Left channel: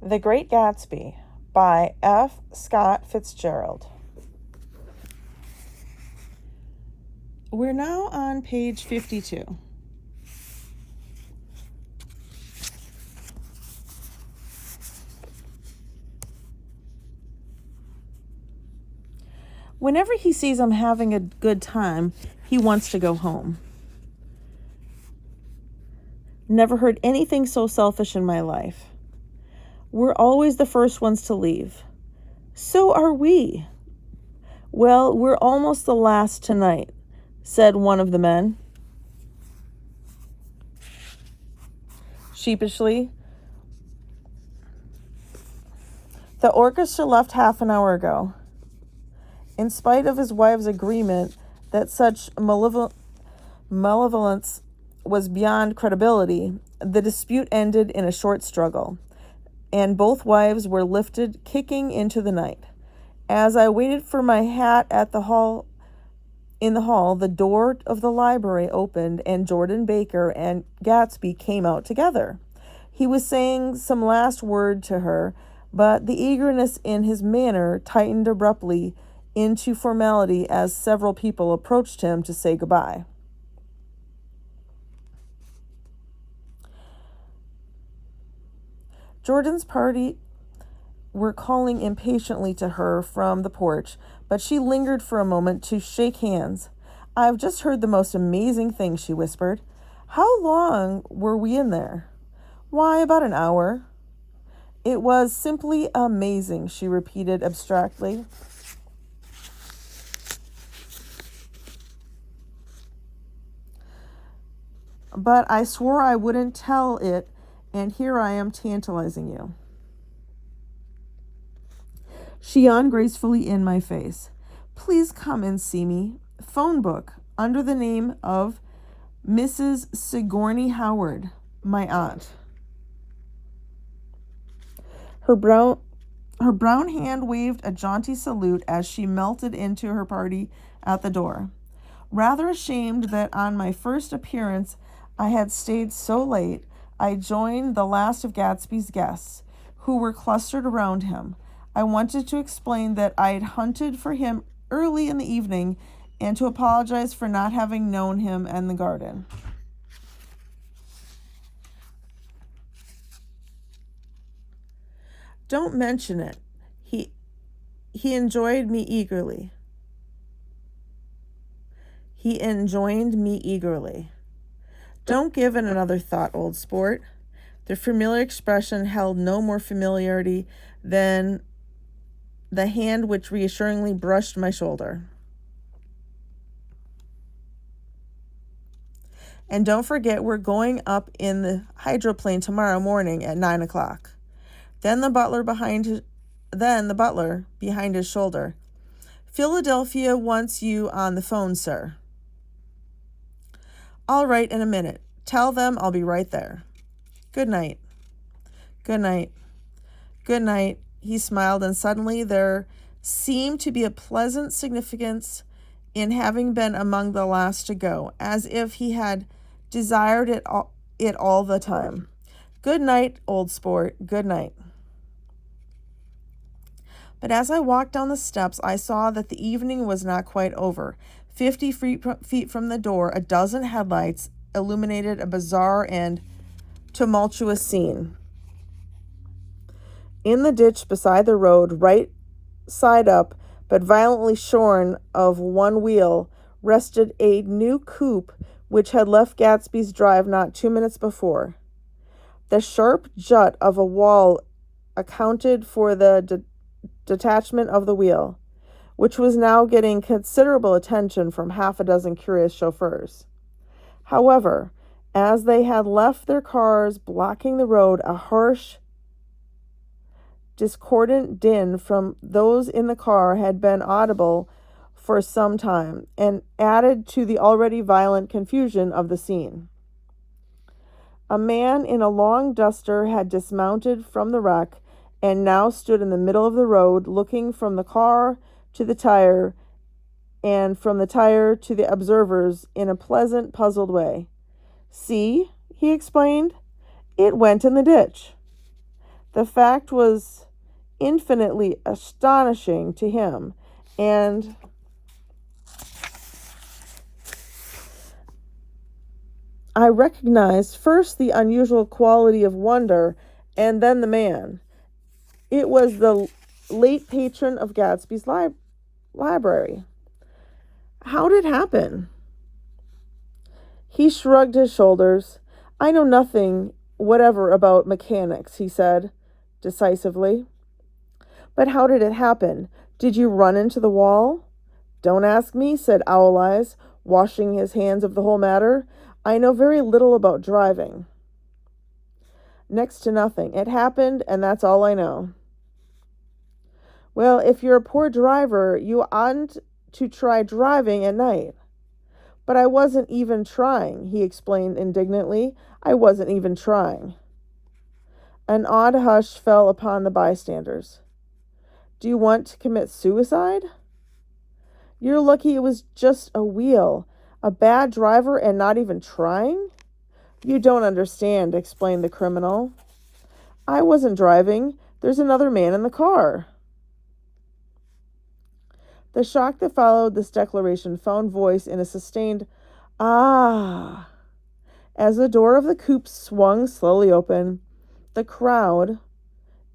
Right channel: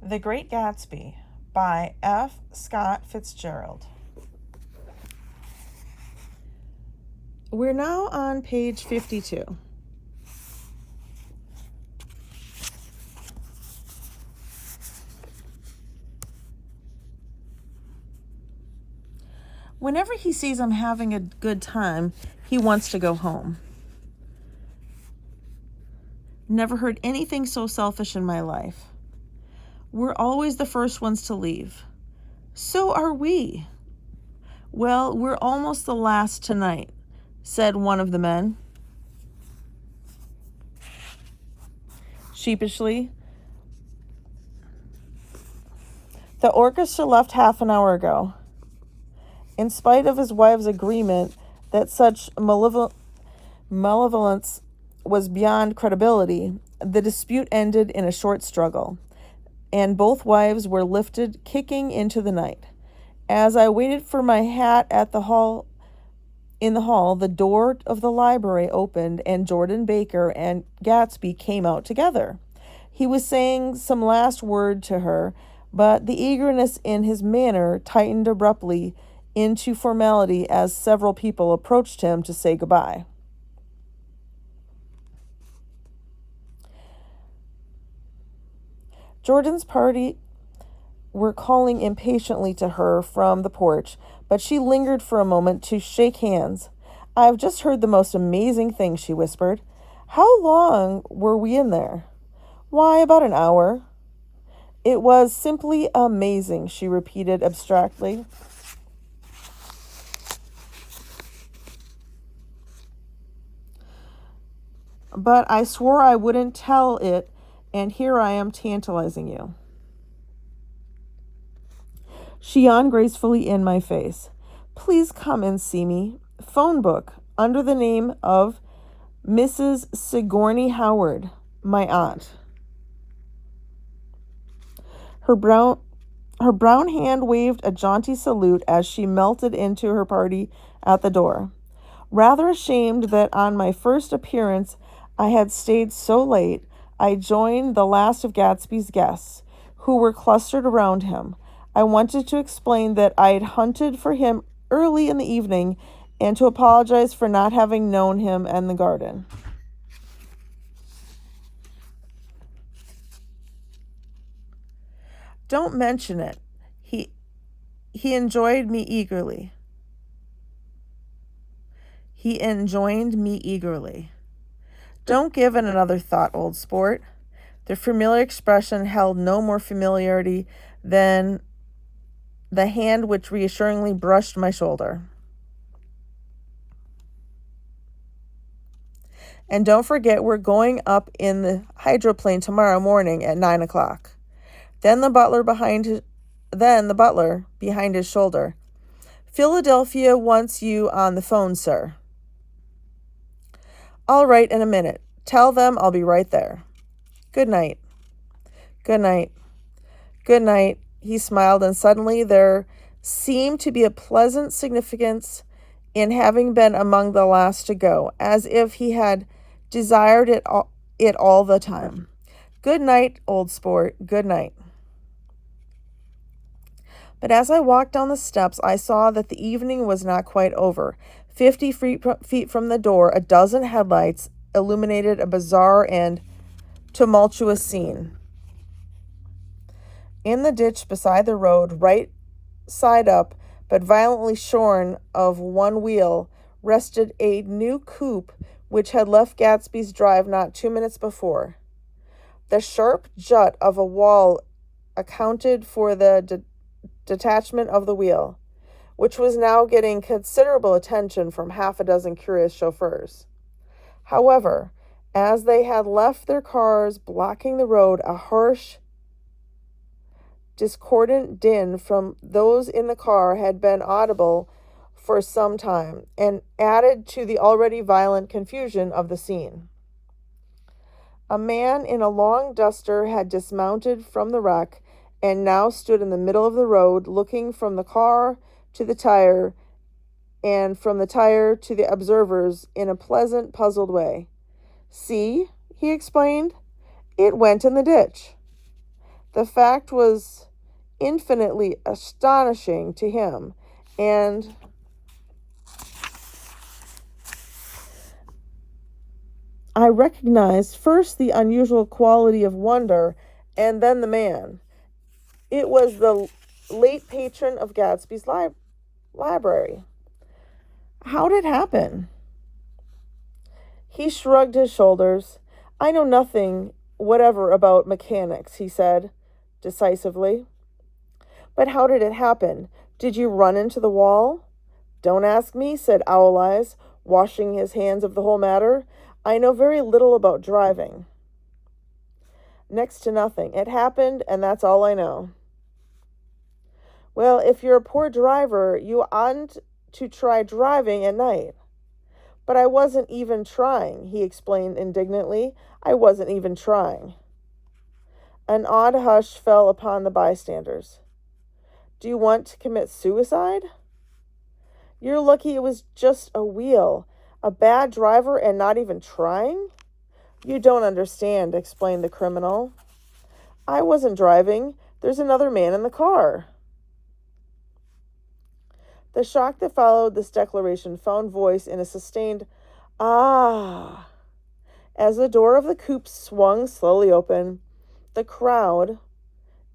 The Great Gatsby by F. Scott Fitzgerald. We're now on page 52. Whenever he sees I'm having a good time, he wants to go home. Never heard anything so selfish in my life. We're always the first ones to leave. So are we. Well, we're almost the last tonight, said one of the men. Sheepishly, the orchestra left half an hour ago. In spite of his wife's agreement that such malevolence was beyond credibility, the dispute ended in a short struggle, and both wives were lifted kicking into the night. As I waited for my hat at the hall, the door of the library opened, and Jordan Baker and Gatsby came out together. He was saying some last word to her, but the eagerness in his manner tightened abruptly into formality as several people approached him to say goodbye. Jordan's party were calling impatiently to her from the porch, but she lingered for a moment to shake hands. "I've just heard the most amazing thing," she whispered. "How long were we in there?" "Why, about an hour." "It was simply amazing," she repeated abstractly. "But I swore I wouldn't tell it, and here I am tantalizing you." She yawned gracefully in my face. "Please come and see me. Phone book, under the name of Mrs. Sigourney Howard, my aunt." Her brown hand waved a jaunty salute as she melted into her party at the door. Rather ashamed that on my first appearance I had stayed so late, I joined the last of Gatsby's guests, who were clustered around him. I wanted to explain that I'd hunted for him early in the evening and to apologize for not having known him in the garden. "Don't mention it. He enjoyed me eagerly. He enjoined me eagerly. Don't give it another thought, old sport." The familiar expression held no more familiarity than the hand which reassuringly brushed my shoulder. "And don't forget, we're going up in the hydroplane tomorrow morning at 9 o'clock. Then the butler behind his shoulder. "Philadelphia wants you on the phone, sir." "All right, in a minute. Tell them I'll be right there. Good night." "Good night." "Good night." He smiled, and suddenly there seemed to be a pleasant significance in having been among the last to go, as if he had desired it all the time. "Good night, old sport. Good night." But as I walked down the steps, I saw that the evening was not quite over. 50 feet from the door, a dozen headlights illuminated a bizarre and tumultuous scene. In the ditch beside the road, right side up, but violently shorn of one wheel, rested a new coupe which had left Gatsby's drive not 2 minutes before. The sharp jut of a wall accounted for the detachment of the wheel, which was now getting considerable attention from half a dozen curious chauffeurs. However, as they had left their cars blocking the road, a harsh, discordant din from those in the car had been audible for some time, and added to the already violent confusion of the scene. A man in a long duster had dismounted from the wreck and now stood in the middle of the road, looking from the car to the tire and from the tire to the observers in a pleasant, puzzled way. "See," he explained, "it went in the ditch." The fact was infinitely astonishing to him, and I recognized first the unusual quality of wonder and then the man. It was the late patron of Gatsby's library. How did it happen? He shrugged his shoulders. I know nothing whatever about mechanics, he said decisively. But how did it happen? Did you run into the wall? Don't ask me, said Owl Eyes, washing his hands of the whole matter. I know very little about driving. Next to nothing. It happened, and that's all I know. Well, if you're a poor driver, you oughtn't to try driving at night. But I wasn't even trying, he explained indignantly. I wasn't even trying. An odd hush fell upon the bystanders. Do you want to commit suicide? You're lucky it was just a wheel. A bad driver and not even trying? You don't understand, explained the criminal. I wasn't driving. There's another man in the car. The shock that followed this declaration found voice in a sustained "ah" as the door of the coupe swung slowly open. The crowd,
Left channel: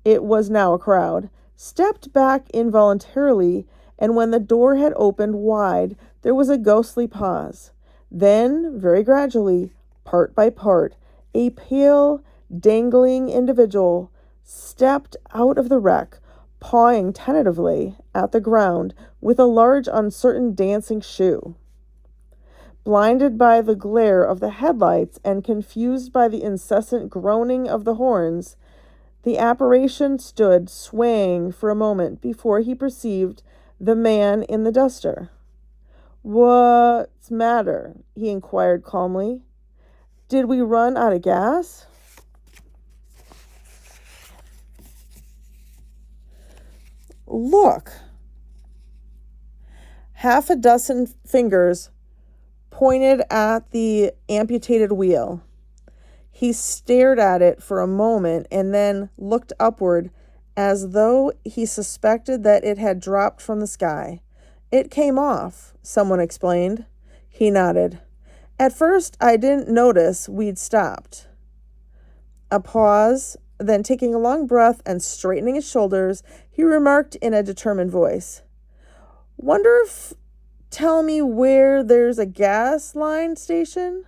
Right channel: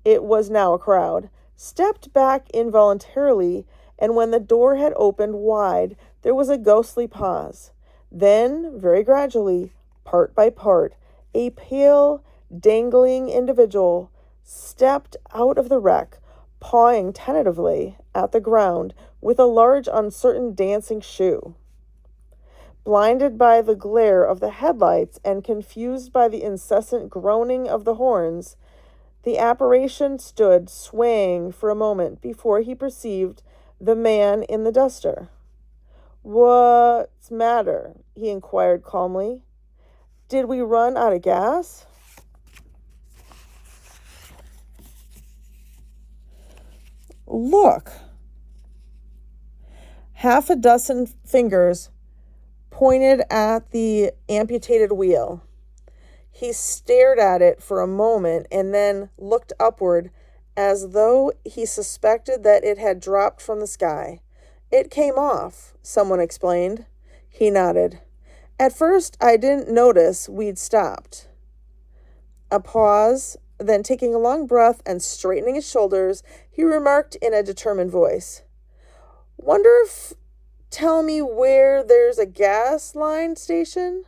it was now a crowd, stepped back involuntarily, and when the door had opened wide, there was a ghostly pause. Then, very gradually, part by part, a pale, dangling individual stepped out of the wreck, pawing tentatively at the ground with a large, uncertain dancing shoe. Blinded by the glare of the headlights and confused by the incessant groaning of the horns, the apparition stood swaying for a moment before he perceived the man in the duster. What's matter? He inquired calmly. Did we run out of gas? Look. Half a dozen fingers pointed at the amputated wheel. He stared at it for a moment and then looked upward as though he suspected that it had dropped from the sky. It came off, someone explained. He nodded. At first, I didn't notice we'd stopped. A pause, then taking a long breath and straightening his shoulders, he remarked in a determined voice, Wonder if tell me where there's a gas line station?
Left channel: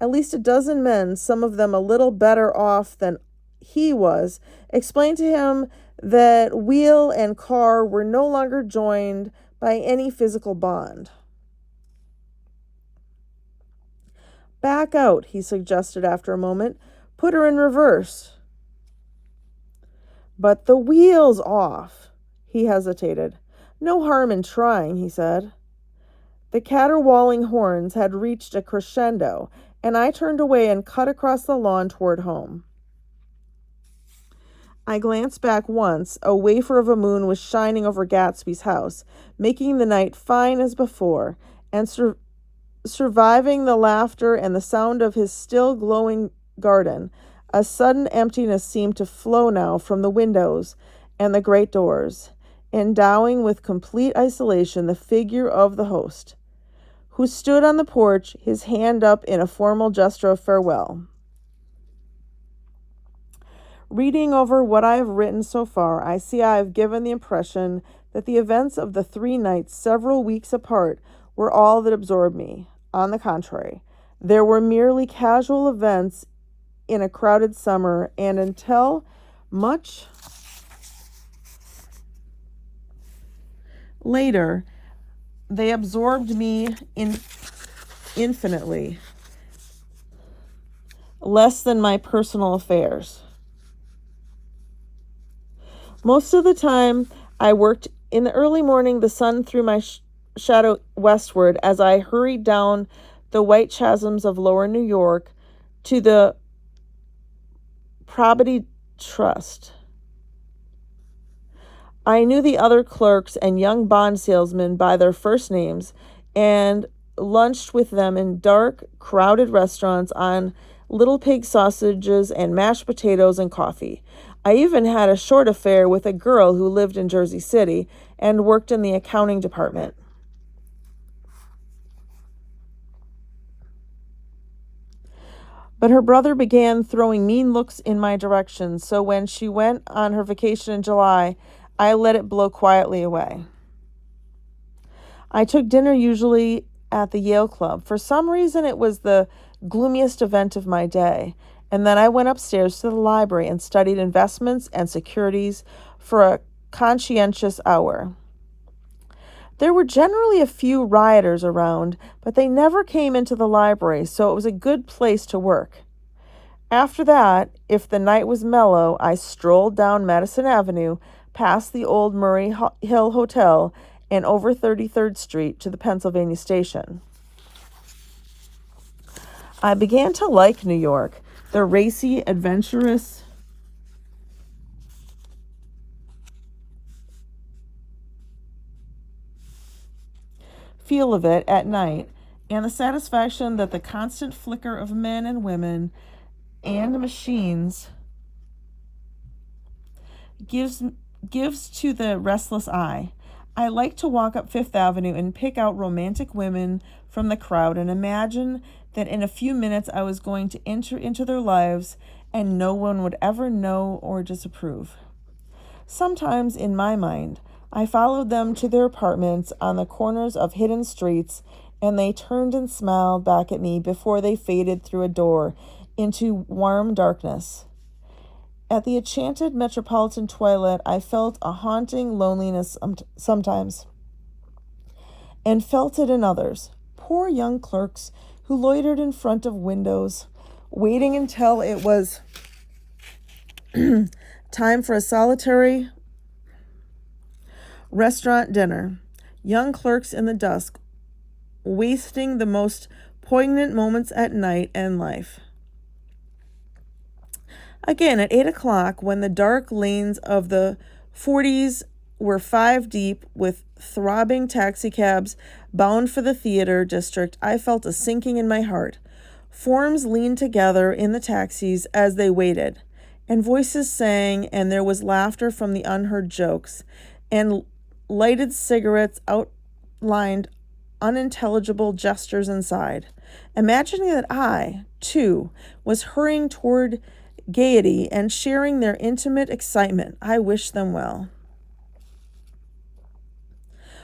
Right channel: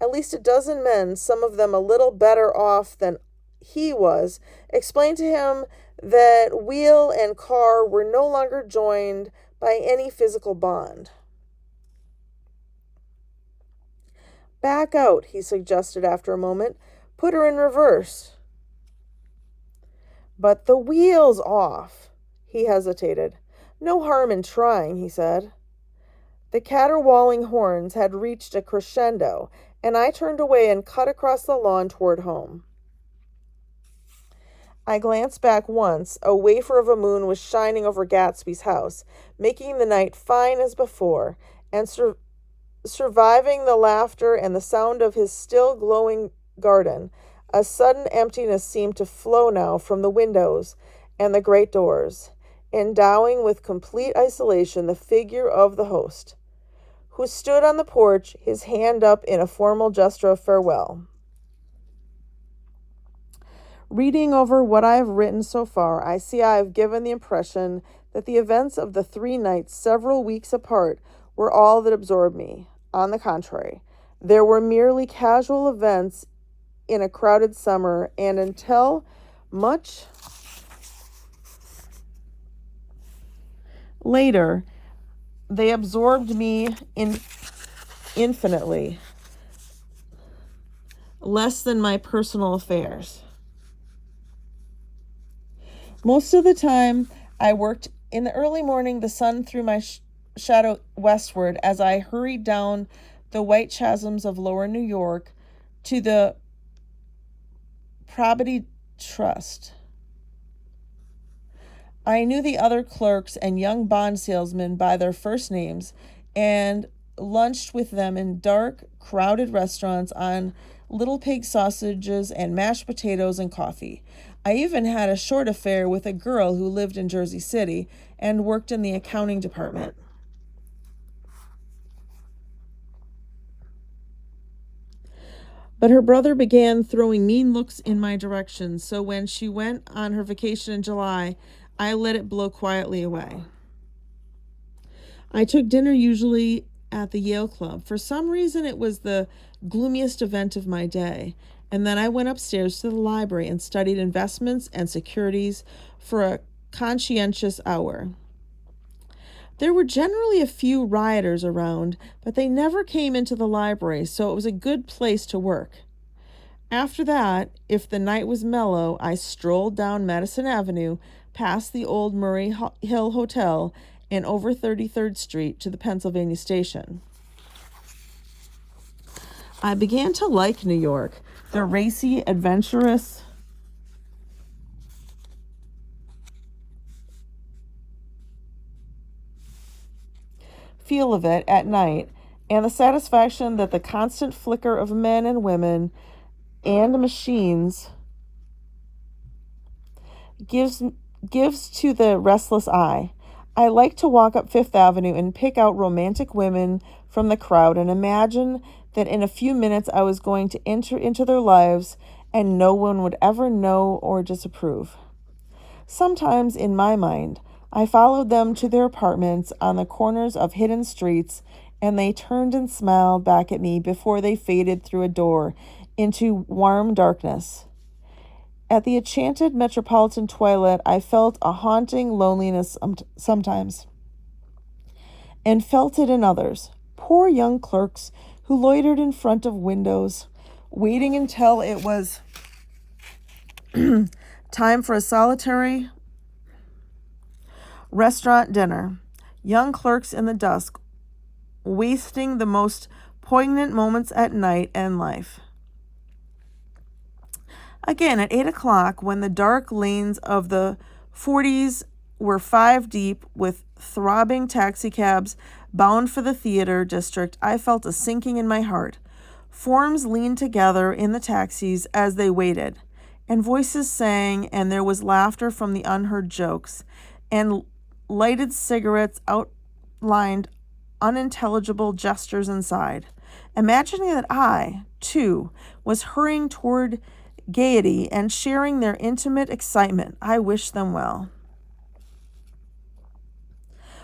At least a dozen men, some of them a little better off than he was, explained to him that wheel and car were no longer joined by any physical bond. Back out, he suggested after a moment. Put her in reverse. But the wheel's off. He hesitated. No harm in trying, he said. The caterwauling horns had reached a crescendo, and I turned away and cut across the lawn toward home. I glanced back once. A wafer of a moon was shining over Gatsby's house, making the night fine as before, and surviving the laughter and the sound of his still glowing garden. A sudden emptiness seemed to flow now from the windows and the great doors, endowing with complete isolation the figure of the host, who stood on the porch, his hand up in a formal gesture of farewell. Reading over what I have written so far, I see I have given the impression that the events of the 3 nights several weeks apart were all that absorbed me. On the contrary, there were merely casual events in a crowded summer, and until much later, they absorbed me infinitely less than my personal affairs. Most of the time, I worked in the early morning. The sun threw my shadow westward as I hurried down the white chasms of lower New York to the Probity Trust. I knew the other clerks and young bond salesmen by their first names and lunched with them in dark, crowded restaurants on little pig sausages and mashed potatoes and coffee. I even had a short affair with a girl who lived in Jersey City and worked in the accounting department. But her brother began throwing mean looks in my direction, so when she went on her vacation in July, I let it blow quietly away. I took dinner usually at the Yale Club. For some reason, it was the gloomiest event of my day. And then I went upstairs to the library and studied investments and securities for a conscientious hour. There were generally a few rioters around, but they never came into the library, so it was a good place to work. After that, if the night was mellow, I strolled down Madison Avenue, past the old Murray Hill Hotel, and over 33rd Street to the Pennsylvania Station. I began to like New York, the racy, adventurous feel of it at night, and the satisfaction that the constant flicker of men and women and machines gives to the restless eye. I like to walk up Fifth Avenue and pick out romantic women from the crowd and imagine that in a few minutes I was going to enter into their lives and no one would ever know or disapprove. Sometimes, in my mind, I followed them to their apartments on the corners of hidden streets, and they turned and smiled back at me before they faded through a door into warm darkness. At the enchanted metropolitan toilet, I felt a haunting loneliness sometimes, and felt it in others. Poor young clerks who loitered in front of windows, waiting until it was time for a solitary restaurant dinner. Young clerks in the dusk, wasting the most poignant moments at night and life. Again, at 8 o'clock, when the dark lanes of the 40s were 5 deep with throbbing taxicabs bound for the theater district, I felt a sinking in my heart. Forms leaned together in the taxis as they waited, and voices sang, and there was laughter from the unheard jokes, and lighted cigarettes outlined unintelligible gestures inside. Imagining that I, too, was hurrying toward gaiety and sharing their intimate excitement, I wished them well.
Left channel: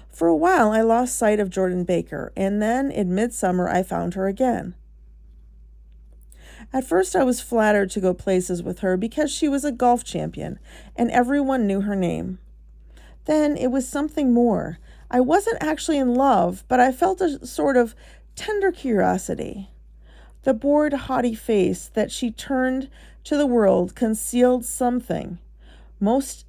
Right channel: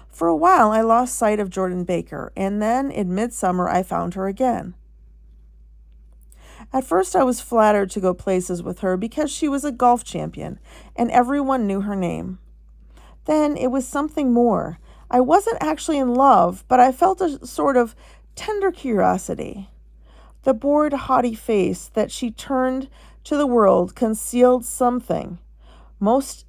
For a while, I lost sight of Jordan Baker, and then in midsummer, I found her again. At first, I was flattered to go places with her because she was a golf champion, and everyone knew her name. Then it was something more. I wasn't actually in love, but I felt a sort of tender curiosity. The bored, haughty face that she turned to the world concealed something. Most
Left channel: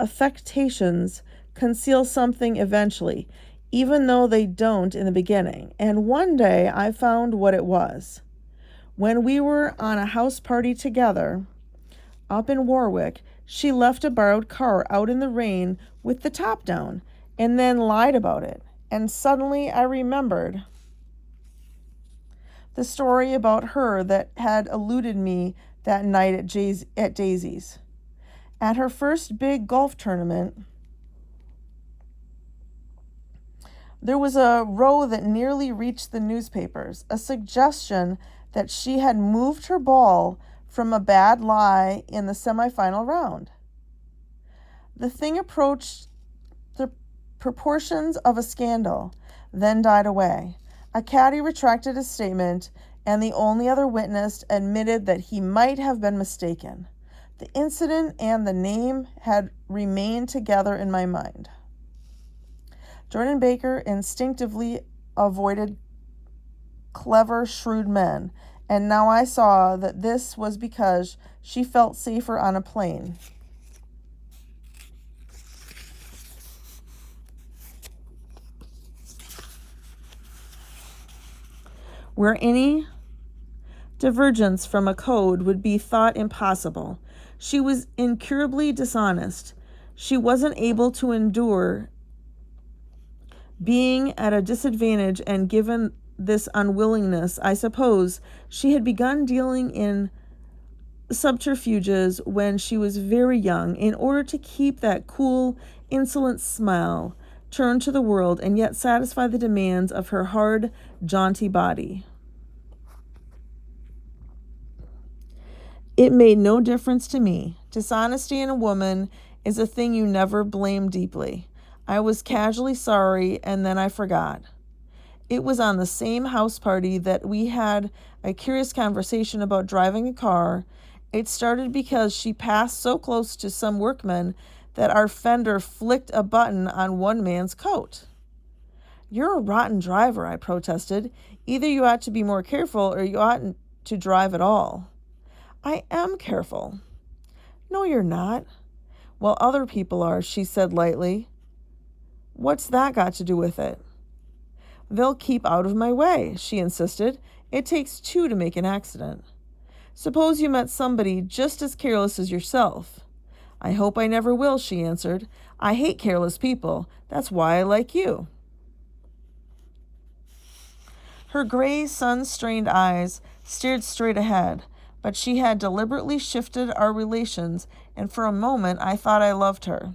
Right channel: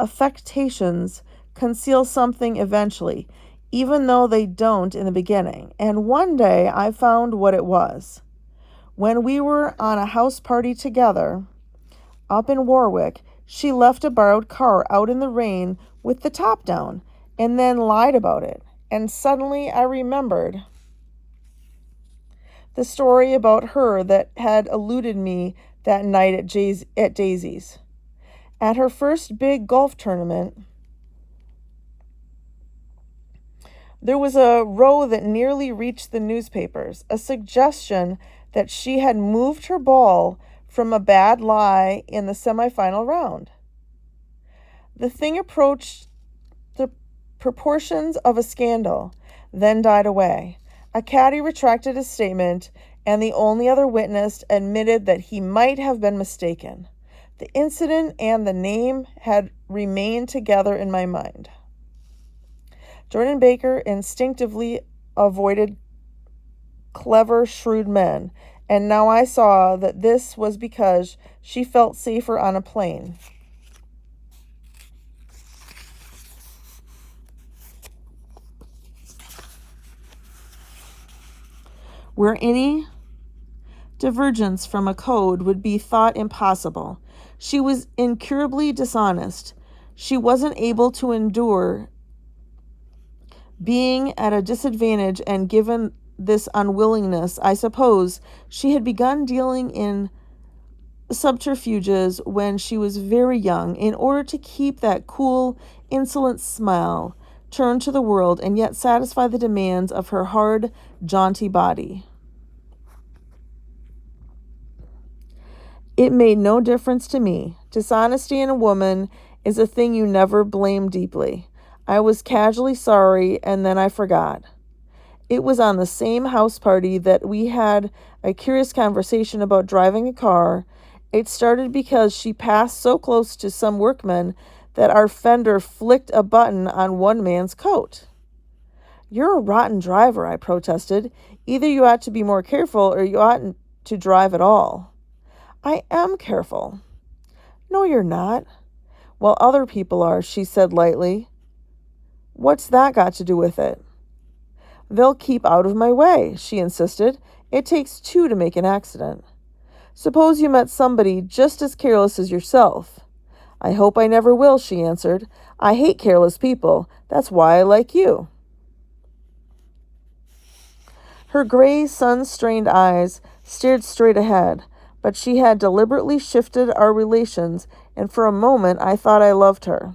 affectations conceal something eventually, even though they don't in the beginning. And one day I found what it was. When we were on a house party together up in Warwick, she left a borrowed car out in the rain with the top down and then lied about it. And suddenly I remembered the story about her that had eluded me that night at Daisy's. At her first big golf tournament, there was a row that nearly reached the newspapers, a suggestion that she had moved her ball from a bad lie in the semifinal round. The thing approached the proportions of a scandal, then died away. A caddy retracted his statement, and the only other witness admitted that he might have been mistaken. The incident and the name had remained together in my mind. Jordan Baker instinctively avoided clever, shrewd men, and now I saw that this was because she felt safer on a plane. Where any divergence from a code would be thought impossible. She was incurably dishonest. She wasn't able to endure being at a disadvantage and given this unwillingness, I suppose she had begun dealing in subterfuges when she was very young in order to keep that cool, insolent smile turned to the world and yet satisfy the demands of her hard, jaunty body. It made no difference to me. Dishonesty in a woman is a thing you never blame deeply. I was casually sorry, and then I forgot. It was on the same house party that we had a curious conversation about driving a car. It started because she passed so close to some workmen that our fender flicked a button on one man's coat. "You're a rotten driver," I protested. "Either you ought to be more careful or you oughtn't to drive at all." "I am careful." "No, you're not." "Well, other people are," she said lightly. "What's that got to do with it?" "They'll keep out of my way," she insisted. "It takes two to make an accident." "Suppose you met somebody just as careless as yourself." "I hope I never will," she answered. "I hate careless people. That's why I like you." Her gray, sun-strained eyes stared straight ahead, but she had deliberately shifted our relations, and for a moment I thought I loved her.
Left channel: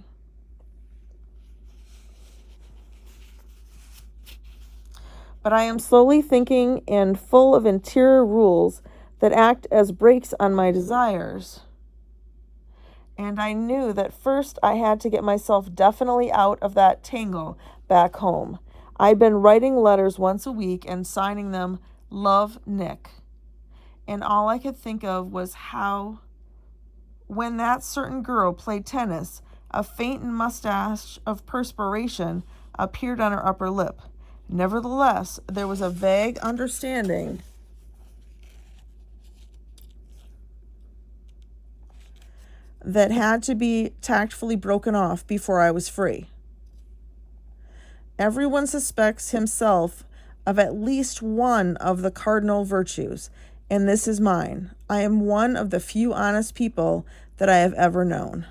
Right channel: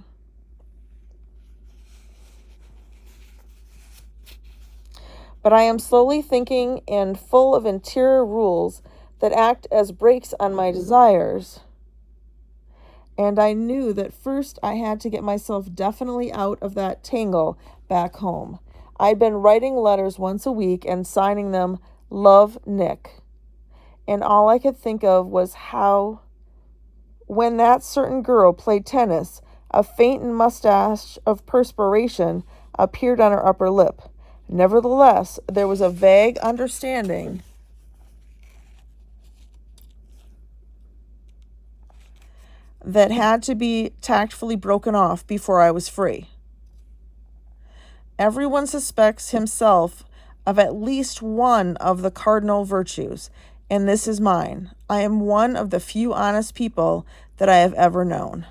But I am slowly thinking and full of interior rules that act as brakes on my desires. And I knew that first I had to get myself definitely out of that tangle back home. I'd been writing letters once a week and signing them "Love, Nick." And all I could think of was how, when that certain girl played tennis, a faint mustache of perspiration appeared on her upper lip. Nevertheless, there was a vague understanding that had to be tactfully broken off before I was free. Everyone suspects himself of at least one of the cardinal virtues, and this is mine. I am one of the few honest people that I have ever known.